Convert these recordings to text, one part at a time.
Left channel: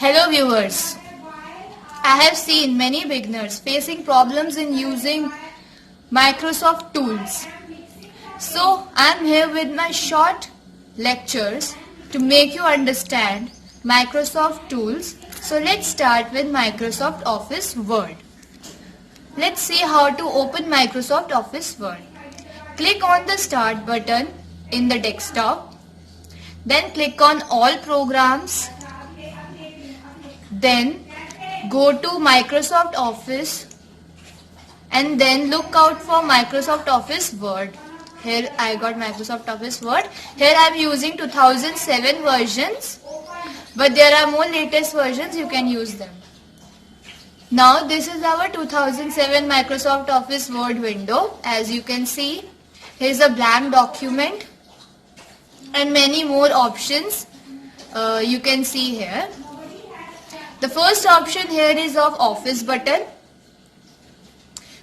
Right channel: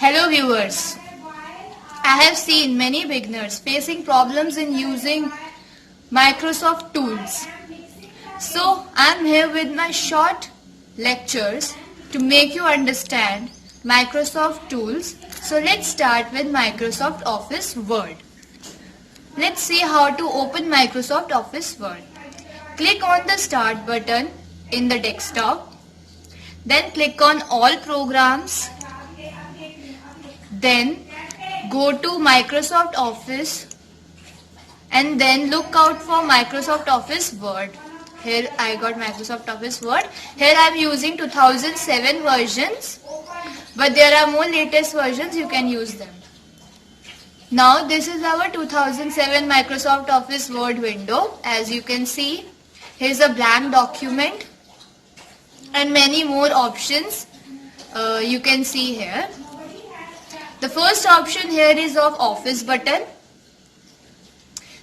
Hello viewers, I have seen many beginners facing problems in using Microsoft tools. So I am here with my short lectures to make you understand Microsoft tools. So let's start with Microsoft Office Word. Let's see how to open Microsoft Office Word. Click on the Start button in the desktop. Then click on All Programs. Then go to Microsoft Office and then look out for Microsoft Office Word. Here I got Microsoft Office Word. Here I am using 2007 versions, but there are more latest versions, you can use them. Now this is our 2007 Microsoft Office Word window. As you can see, here is a blank document and many more options you can see here. The first option here is of Office button.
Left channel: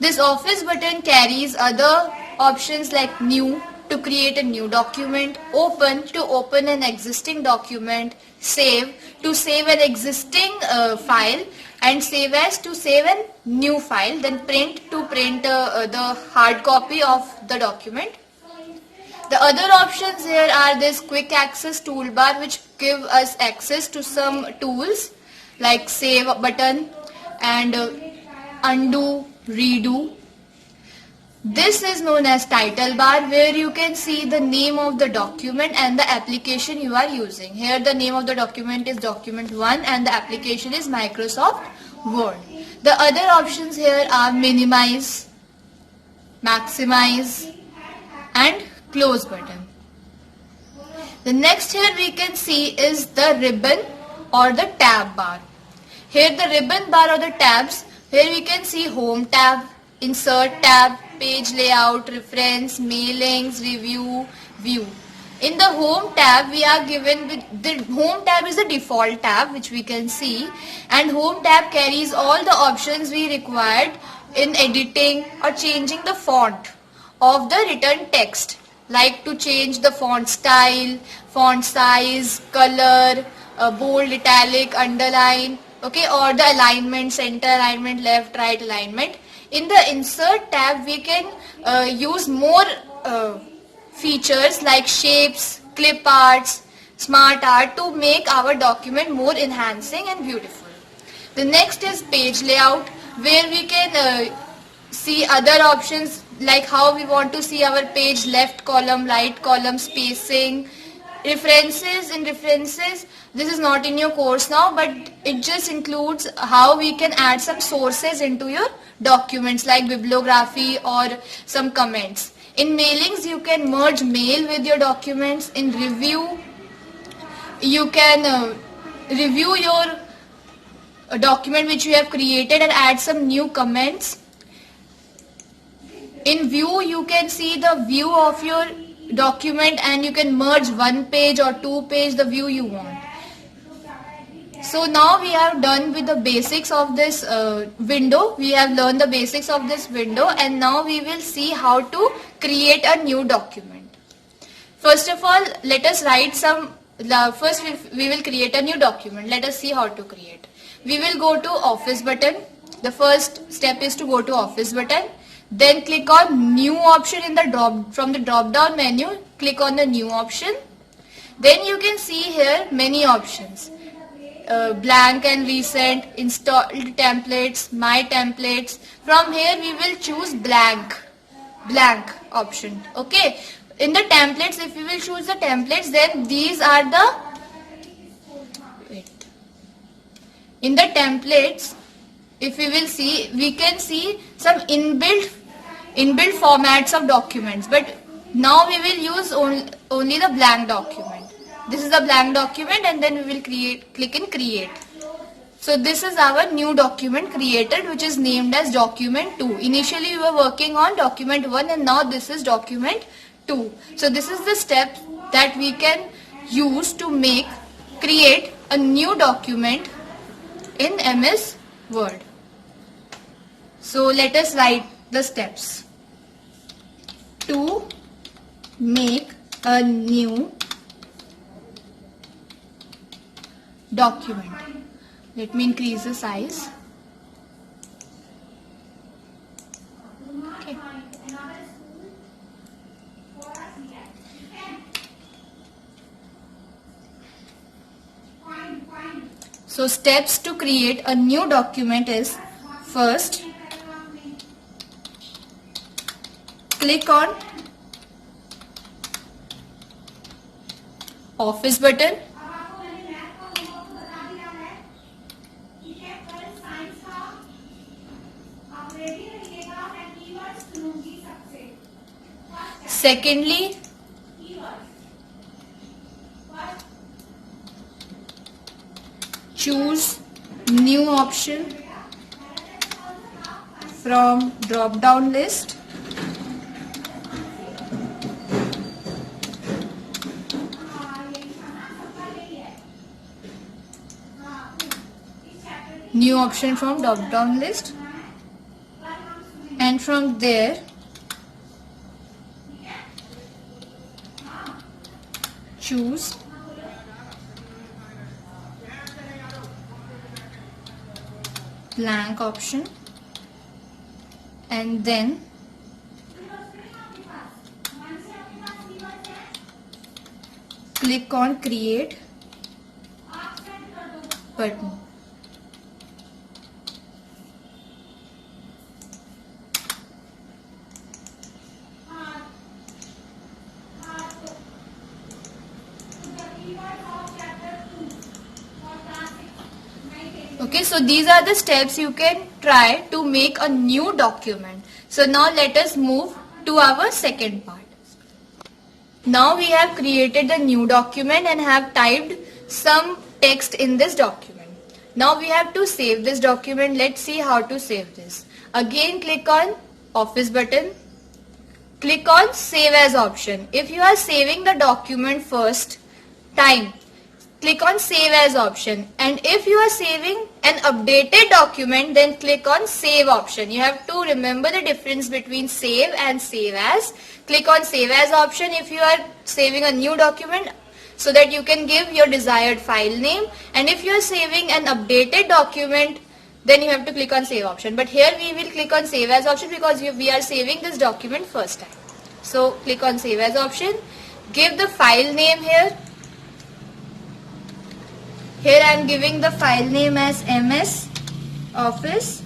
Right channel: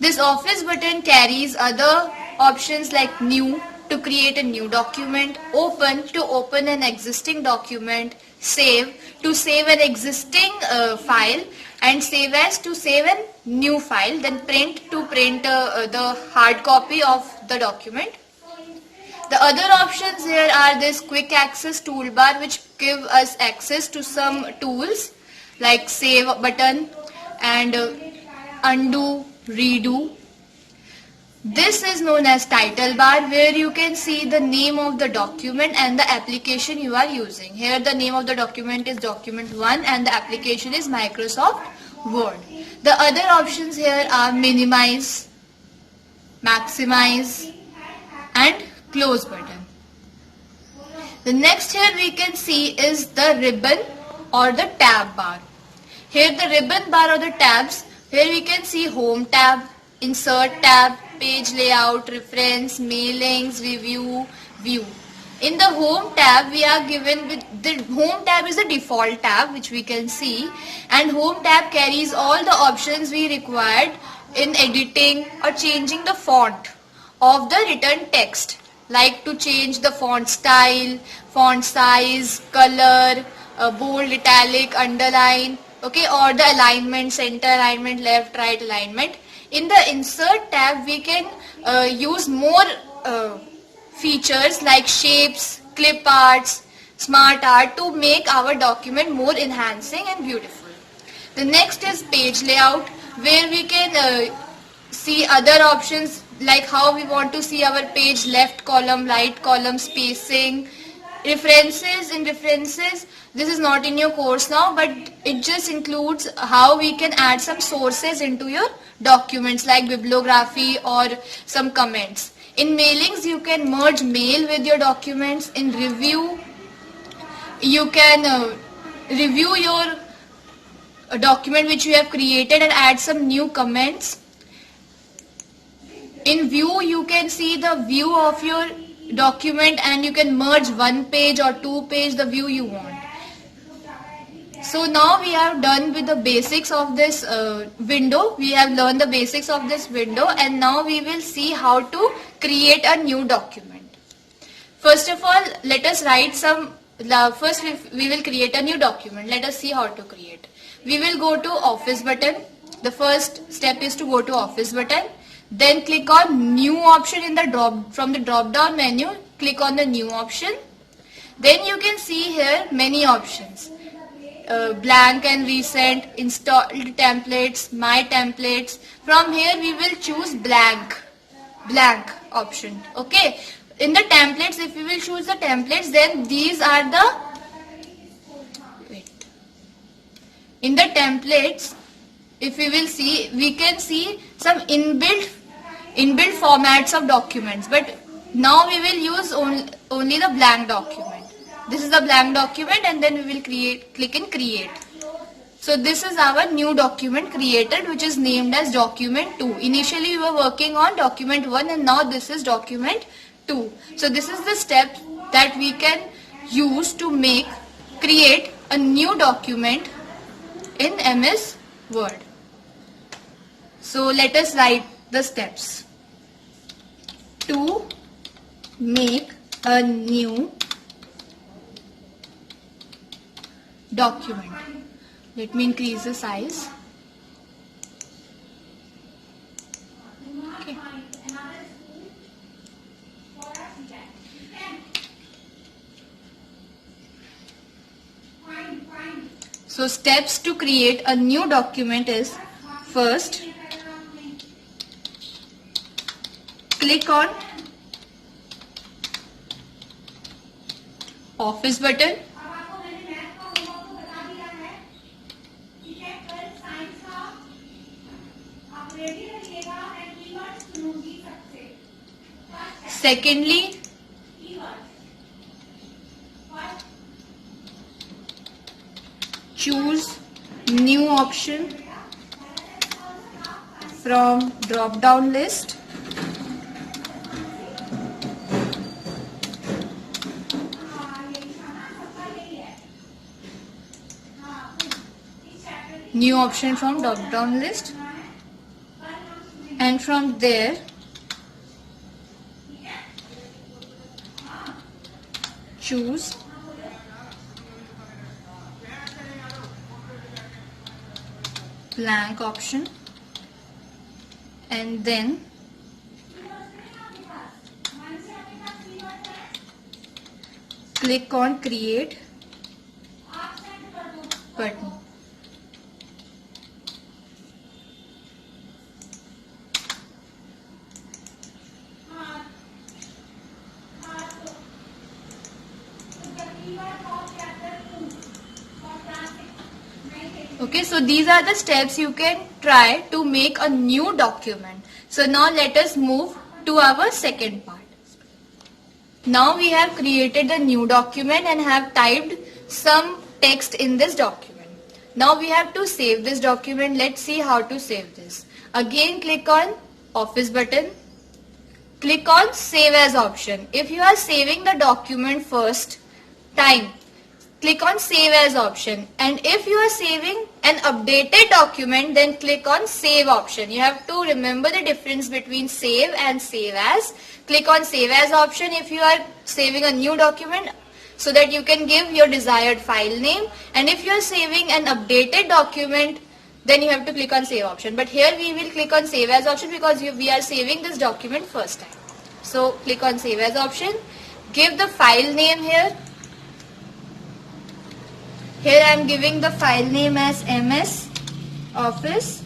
This Office button carries other options like New to create a new document, Open to open an existing document, Save to save an existing file, and Save as to save a new file, then Print to print the hard copy of the document. The other options here are this Quick Access toolbar, which give us access to some tools like Save button and Undo, Redo. This is known as Title bar, where you can see the name of the document and the application you are using. Here the name of the document is Document 1 and the application is Microsoft Word. The other options here are Minimize, Maximize and Close button. The next here we can see is the ribbon or the tab bar. Here the ribbon bar or the tabs, here we can see Home tab, Insert tab, Page layout, Reference, Mailings, Review, View. In the Home tab we are given with the Home tab is the default tab which we can see, and Home tab carries all the options we required in editing or changing the font of the written text, like to change the font style, font size, color, bold, italic, underline, okay, or the alignment, center alignment, left, right alignment. In the Insert tab we can use more features like shapes, clip arts, smart art to make our document more enhancing and beautiful. The next is Page layout, where we can see other options like how we want to see our page, left column, right column, spacing. References, in references, this is not in your course now, but it just includes how we can add some sources into your documents like bibliography or some comments. In mailings, you can merge mail with your documents. In review, you can review your document which you have created and add some new comments. In view, you can see the view of your document and you can merge one page or two page, the view you want. So now we are done with the basics of this window. We have learned the basics of this window, and now we will see how to create a new document. First of all, let us write some, first we will create a new document. Let us see how to create. We will go to Office button. The first step is to go to Office button. Then click on New option in the from the drop down menu. Click on the New option. Then you can see here many options. Blank and recent, installed templates, my templates. From here we will choose blank option. Okay. In the templates, if we will choose the templates, then these are the, in the templates, if we will see, we can see some inbuilt formats of documents, but now we will use only the blank document. This is a blank document, and then we will click in Create. So this is our new document created, which is named as Document 2. Initially we were working on Document 1, and now this is Document 2. So this is the step that we can use to create a new document in MS Word. So let us write the steps. To make a new document. Let me increase the size. Okay. So steps to create a new document is, first click on Office button. Secondly, choose new option from drop down list. New option from drop down list, and from there choose blank option, and then click on create button. Okay, so these are the steps you can try to make a new document. So now let us move to our second part. Now we have created a new document and have typed some text in this document. Now we have to save this document. Let's see how to save this. Again, click on Office button. Click on Save As option. If you are saving the document first time, click on Save As option, and if you are saving an updated document, then click on Save option. You have to remember the difference between save and save as. Click on Save As option if you are saving a new document, so that you can give your desired file name, and if you are saving an updated document, then you have to click on Save option. But here we will click on Save As option because we are saving this document first time. So click on Save As option, give the file name here. Here I am giving the file name as MS Office.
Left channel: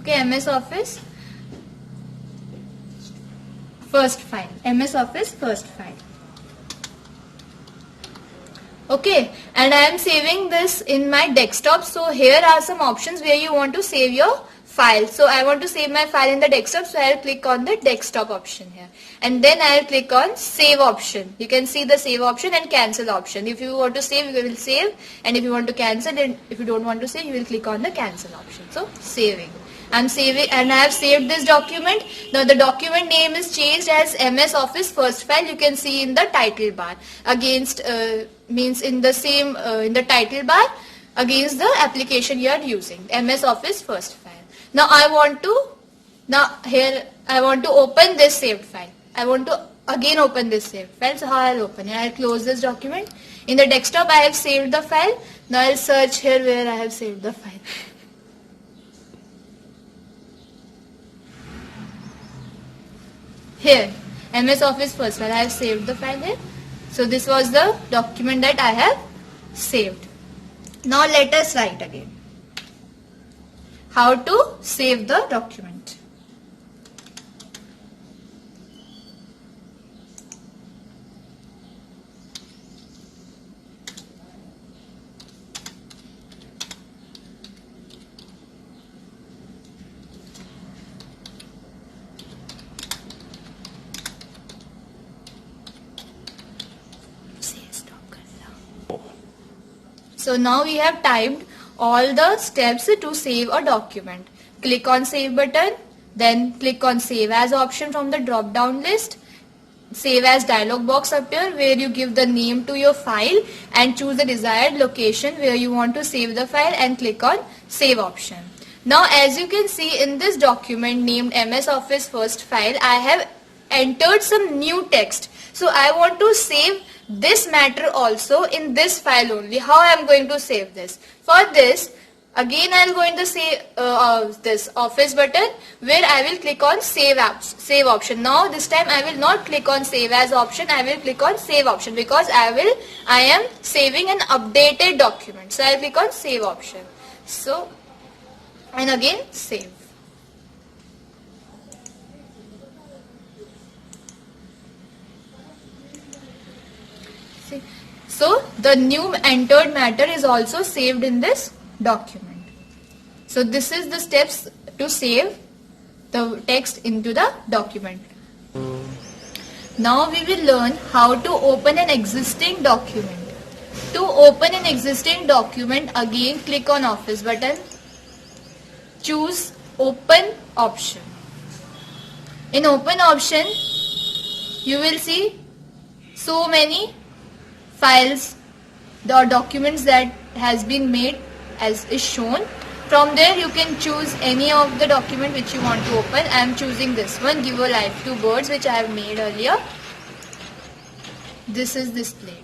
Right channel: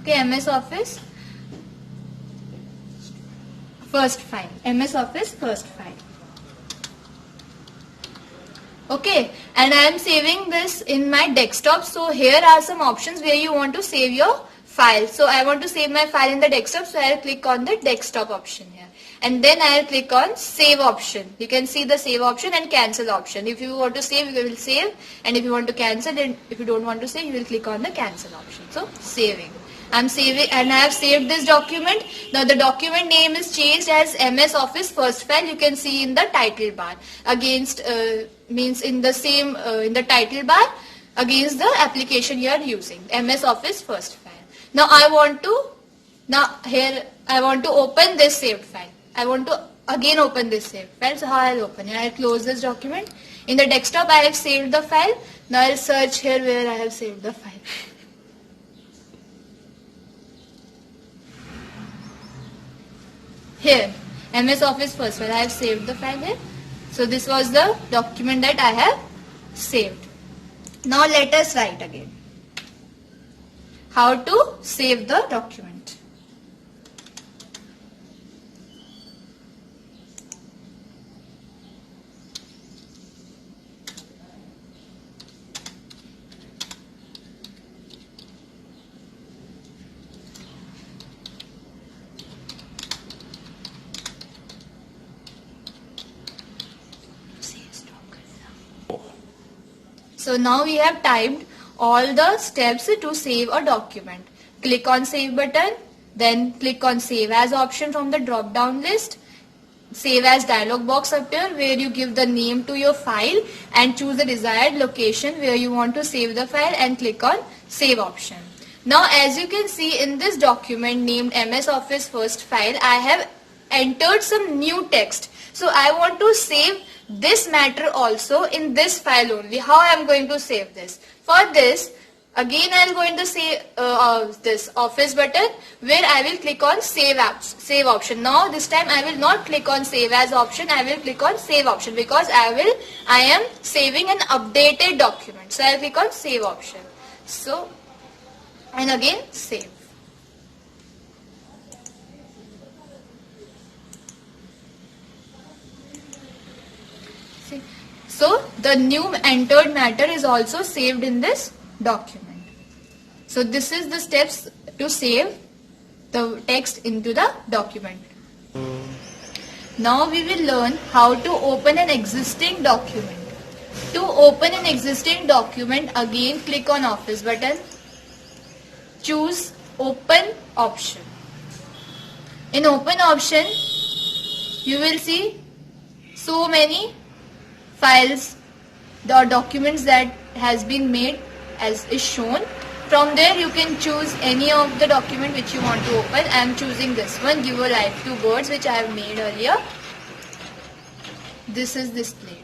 Okay, MS Office first file. MS Office first file. Okay, and I am saving this in my desktop. So here are some options where you want to save your file. So I want to save my file in the desktop, so I will click on the desktop option here. And then I will click on Save option. You can see the Save option and Cancel option. If you want to save, you will save, and if you want to cancel, and if you don't want to save, you will click on the Cancel option. So saving. I'm saving, and I have saved this document. Now the document name is changed as MS Office first file. You can see in the title bar against means in the same in the title bar against the application you are using, MS Office first file. Now I want to open this saved file. I want to again open this saved file. So how I'll open it? I'll close this document. In the desktop I have saved the file. Now I'll search here where I have saved the file. Here, MS Office first file. I have saved the file here. So this was the document that I have saved. Now let us write again. How to save the document. So now we have typed all the steps to save a document. Click on Save button, then click on Save As option from the drop down list. Save As dialog box appear where you give the name to your file and choose the desired location where you want to save the file and click on Save option. Now as you can see in this document named MS Office first file, I have entered some new text. So I want to save this matter also in this file only. How I am going to save this? For this, again I am going to say this office button, where I will click on save save option. Now this time I will not click on save as option, I will click on save option, because I am saving an updated document. So I will click on save option. So, and again save. So the new entered matter is also saved in this document. So this is the steps to save the text into the document. Now we will learn how to open an existing document. To open an existing document, again click on office button, choose open option. In open option, you will see so many files, the documents that has been made as is shown. From there you can choose any of the document which you want to open. I am choosing this one, Give a Life to Birds, which I have made earlier. This is displayed.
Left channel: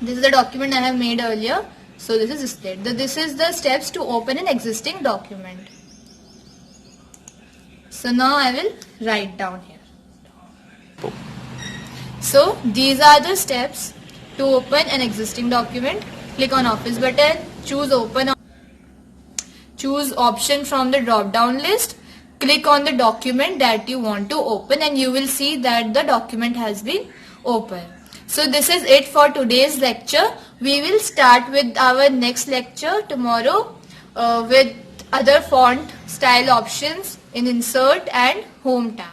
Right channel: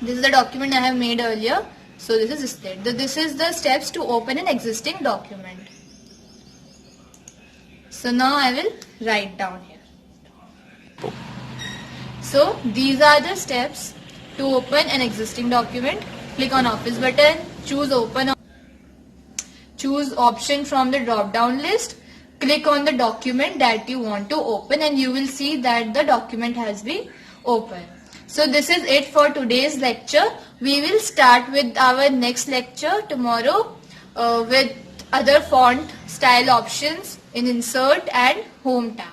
This is the document I have made earlier. So this is displayed. This is the steps to open an existing document. So now I will write down here. So these are the steps to open an existing document. Click on office button, choose open, choose option from the drop down list, click on the document that you want to open, and you will see that the document has been opened. So this is it for today's lecture. We will start with our next lecture tomorrow with other font style options in insert and home tab.